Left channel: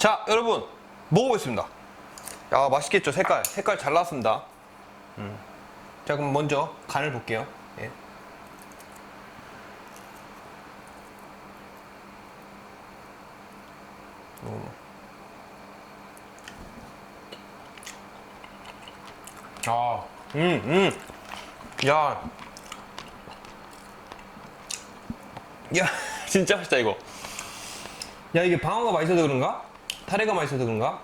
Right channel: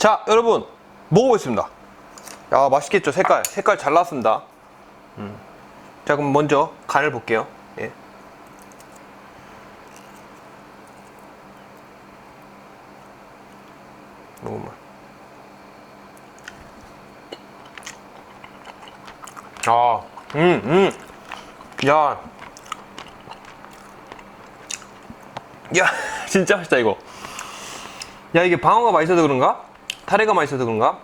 자, 여러분 먹어보겠습니다. 야, 맛있겠죠? 색깔, 색깔 잘 나왔습니다. 음. 자, 그럼 먼저 간을 볼게요. 예. 조금만. 아, 음, 음. 야. 야, 진짜 맛있다, 이거. 야, 이게 방어가 맛있어서 그런가? 타레가 맛있어서 그런가?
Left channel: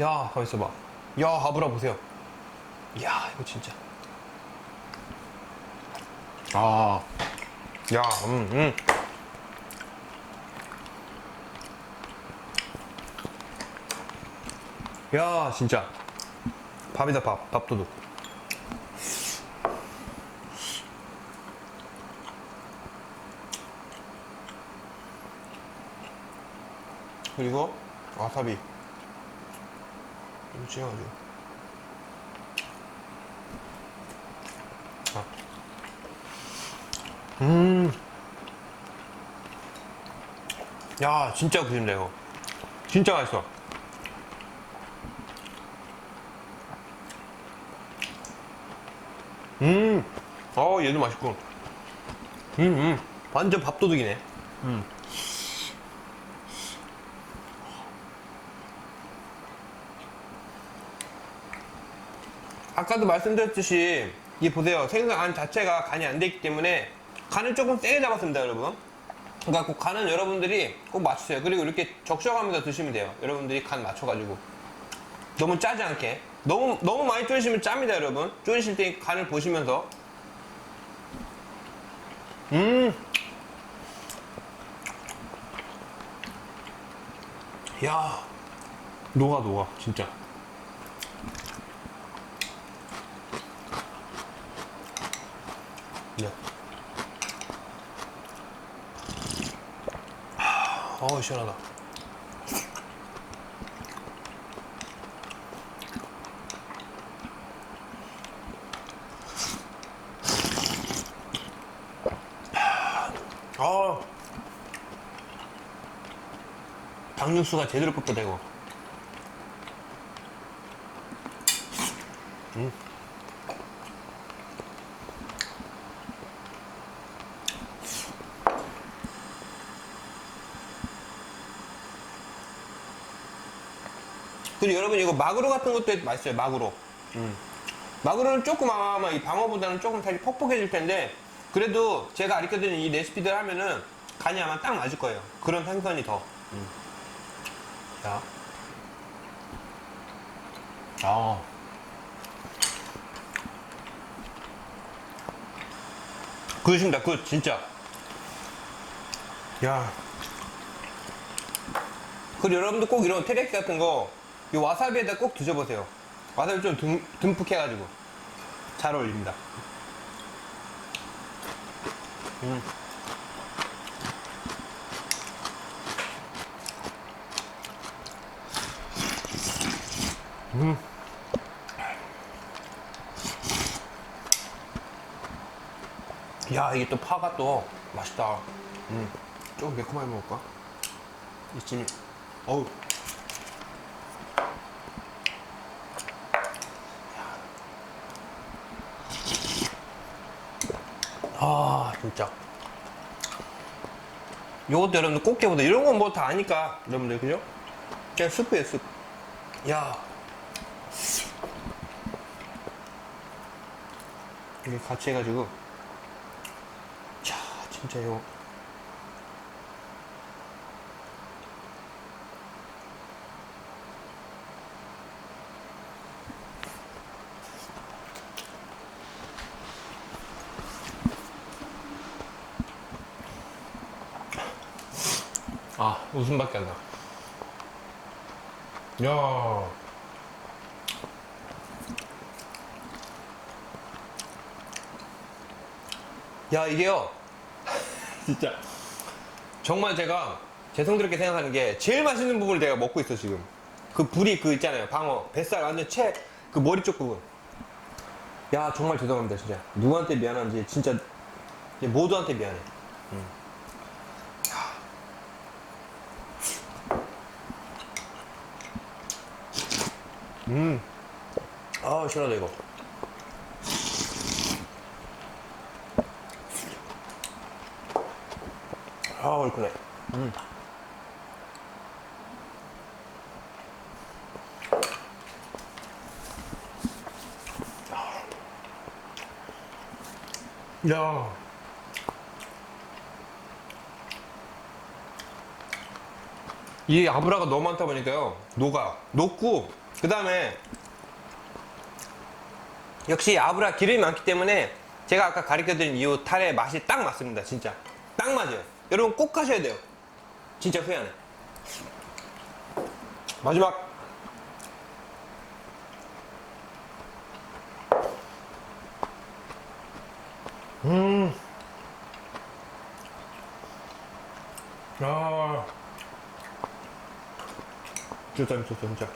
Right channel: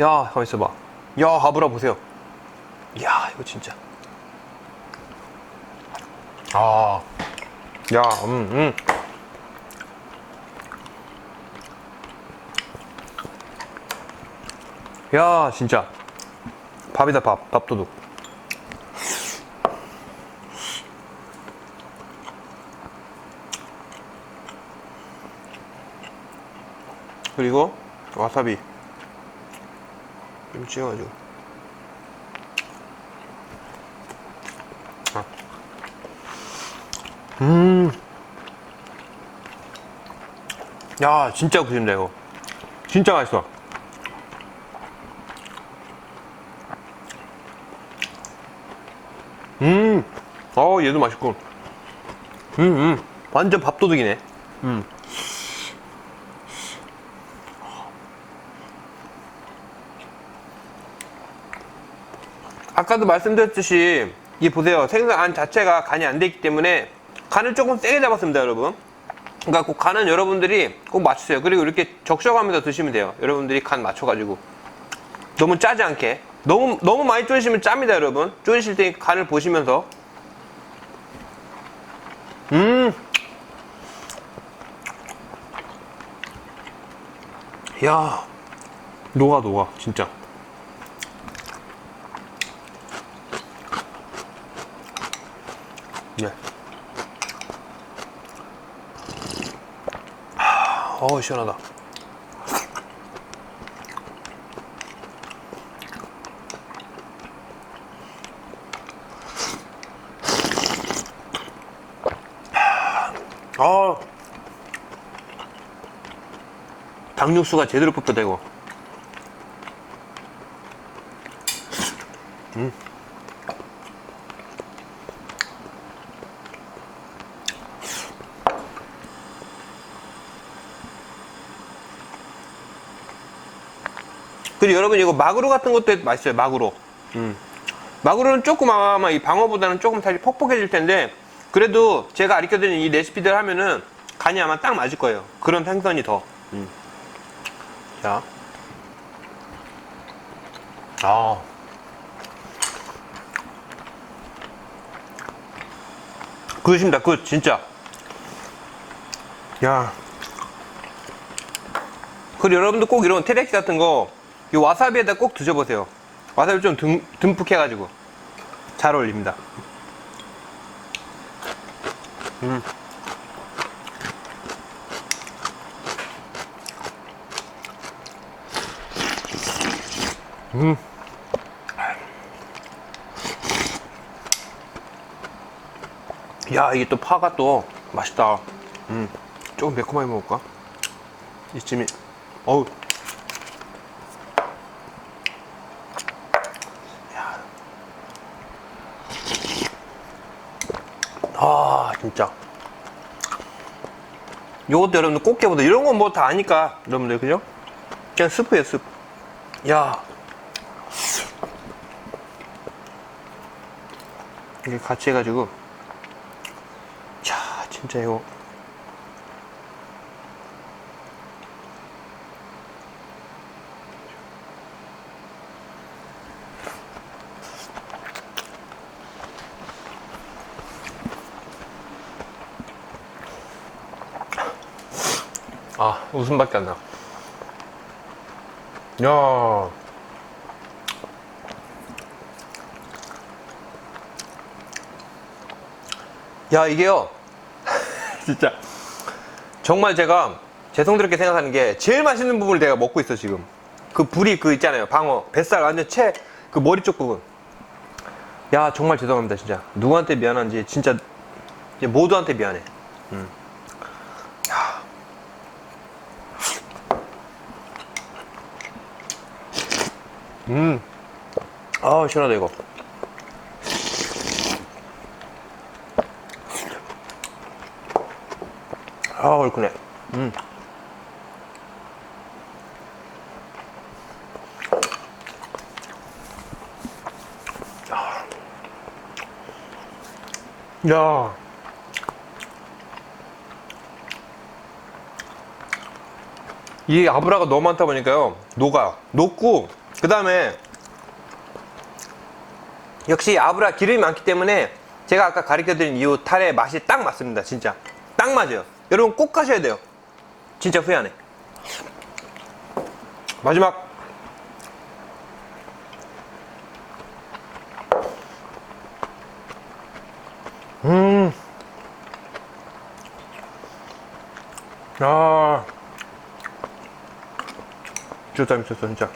야, 가만 있어봐. 야, 아브라 보세요. 야, 이거 진짜. 아, 야, 음, 음. 야, 진짜. 밥이다, 밥. 밥도둑. 그리고 와사비. 이거 찍어가지고. 아. 음. 야, 진짜 구신다, 이거. 진짜 맛있어. 음, 어 얘도 맛있고. 음, 음, 완전 밥도둑이네. 음. 아까도 말씀드렸듯이 이 보세요. 생선 안 자체가 간이 안 돼 있기 때문에 간을 조금 세게 잡았습니다 여러분. 그러니까 꼭 간은 여러분들이 꼭 맞추세요. 그리고 이렇게 적셔가면서 드시면 돼요. 여러분들이 간 맞춰가지고. 너무 짜지 않게. 너무 너무 많이 졸이시면 짭니다 여러분. 졸이실 때 간을 보시면서. 음! 야, 녹아 녹아 진짜. 네. 아, 어우 시원하다. 아, 당육수가 제대로 뽑혀되고. 그리고 여러분 이거 마구로 같은 것도 맛있어요. 마구로. 음. 마구로는 조금 아마 이 방어보다는 조금 다시 퍽퍽해질 텐데 그래도 제가 가르쳐드린 이 레시피들 하면은 간이 아마 딱 맞을 거예요. 그런 생선이 더. 음. 자. 아. 굿입니다. 굿 진짜. 야. 그리고 여러분들 꼭 이런 테레키 같은 거, 이 와사비에다 꼭 드셔보세요. 와사비 좀 듬, 듬뿍 해가지고. 잘 어울립니다. 음. 음. 야, 이게 또 파가 또 맛있다. 음. 조금 매콤하게 먹을까? 이쯤이, 어우. 아, 진짜. 요것도 여러분들 꽃게보다 이런 건 뭐 다 아니까, 여러분들, 그죠? 그냥 스프예요, 스프. 야. 이게 같이 해가지고. 자, 진짜 이거. 아, 웃음밖에 안 나. 야. 야, 이게요. 진짜. 정말 제가 죄송스럽게 생각하는 게 제일 맛있는 부분을 내가 먹고 있어, 지금. 그 불이 그 있잖아요. 방어. 뱃살 완전 채, 그 머리 쪽 부분. 야, 정말 죄송합니다, 진짜. 누구한테 미안한지, 진짜, 모두한테 미안해. 음. 음. 아, 시원하다, 이거. 아, 얼큰해. 음. 야. 이 아브라가 너무 많다 보니까요 녹아요 녹고 그 다음에 역시 아브라 기름이 많기 때문에 제가 아까 가르쳐드린 이 탈의 맛이 딱 맞습니다 진짜 딱 맞아요 여러분 꼭 하셔야 돼요 진짜 후회 안 해 마지막 음. 아. 진짜 재밌었어, 진짜.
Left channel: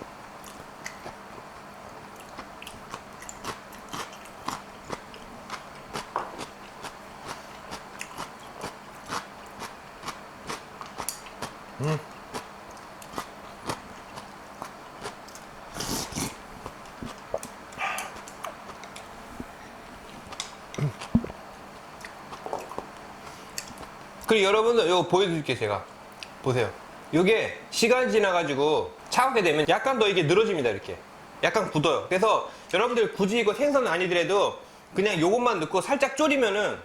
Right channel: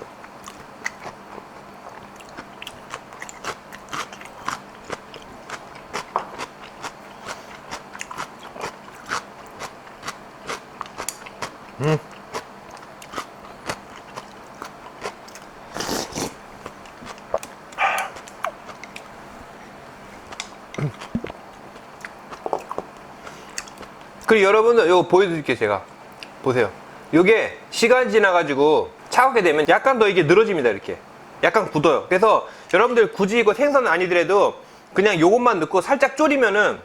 음. 그리고 여러분들 이거 보여드릴게요 제가. 보세요. 이게 시간이 지나가지고 차갑게 되면 약간 더 이게 늘어집니다 이렇게. 약간 굳어요. 그래서 여러분들 굳이 이거 생선 아니더라도 그냥 요것만 넣고 살짝 졸이면은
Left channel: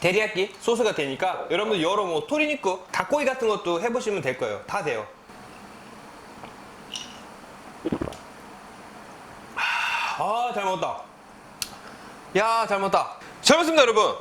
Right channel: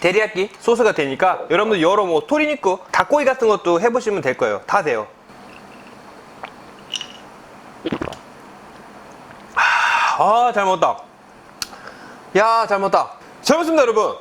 데리야끼 소스가 되니까 여러분들 여러 뭐 토리니쿠 닭고기 같은 것도 해보시면 될 거예요. 다 돼요. 아잘 먹었다. 야 잘 먹었다. 잘 먹었습니다 여러분.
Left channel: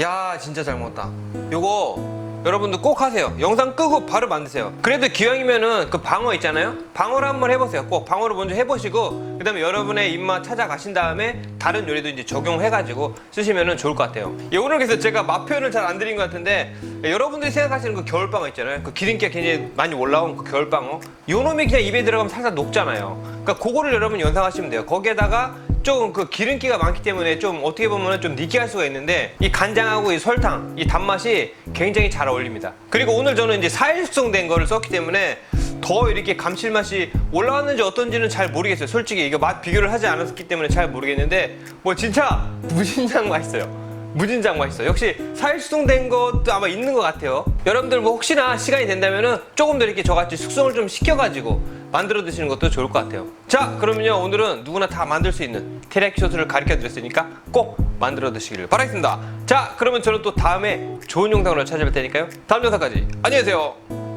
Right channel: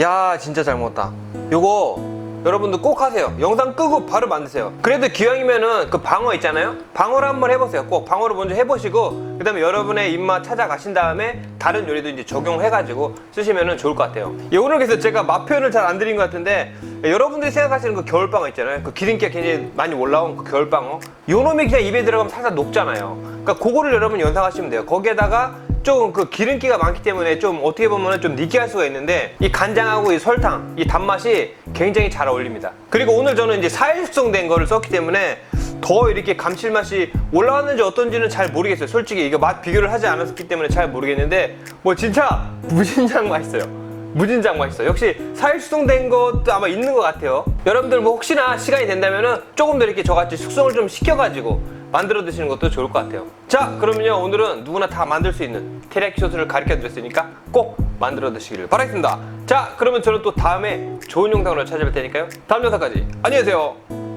야 진짜 잘 먹었다. 요거 여러분들 꼭 하세요. 영상 끄고 바로 만드세요. 그래도 기왕이면은 그 방어 있잖아요? 방어를 한번 해보세요. 꼭 방어를 먼저 해보시고 그 다음에 여러분의 입맛 찾아가신 다음에 다른 요리도 이제 적용해가지고 쓰시면은 좋을 것 같아요. 예, 오늘 그래서 제가 맛 표현을 잘 안 드린 것 같은데 예, 여러분들이 생각하시는 그 겨울방어 있잖아요. 그 기름기가 굉장히 많이 올라온 그 겨울방어. 요 놈이 그냥 입에 들어가면 살살 녹잖아요. 그러니까 그거를 여러분 연상하시면 돼요. 거기에다가 조금 그 기름기가 많기 때문에 좀 어떻게 보면 좀 느끼할 수가 있는데 이 간장하고 이 설탕 이 단맛이 굉장히 잘 어울립니다 그리고 오늘 저는 이제 사일 숙성된 거를 썼기 때문에 더 이렇게 감칠맛이 올라왔는지 어떤지는 잘 모르겠어요 솔직히 이거 맛 비교를 하지 않았기 때문에 잘 모르겠는데 뭐 진짜 무진장 맛있어요 무진장 맛있어. 역시 사일 숙성된 것도 아마 있는 것 같아요. 여러분들 뭐 혹시나 시간이 된다면 은 조금 더 이렇게 저같이 숙성을 좀 시켜가지고 만들어 드시는 것도 좋을 것 같아요. 자, 그러면요 오늘은 누구나 다 만들 수 있는 테리야키 소스를 가르쳐 드렸으니까 꼭 만들어 드시기를 바라겠습니다. 자, 그러면 저는 또 다음에 좋은 영상으로 찾아뵐 테니까요. 다음 영상까지 안녕히 계세요.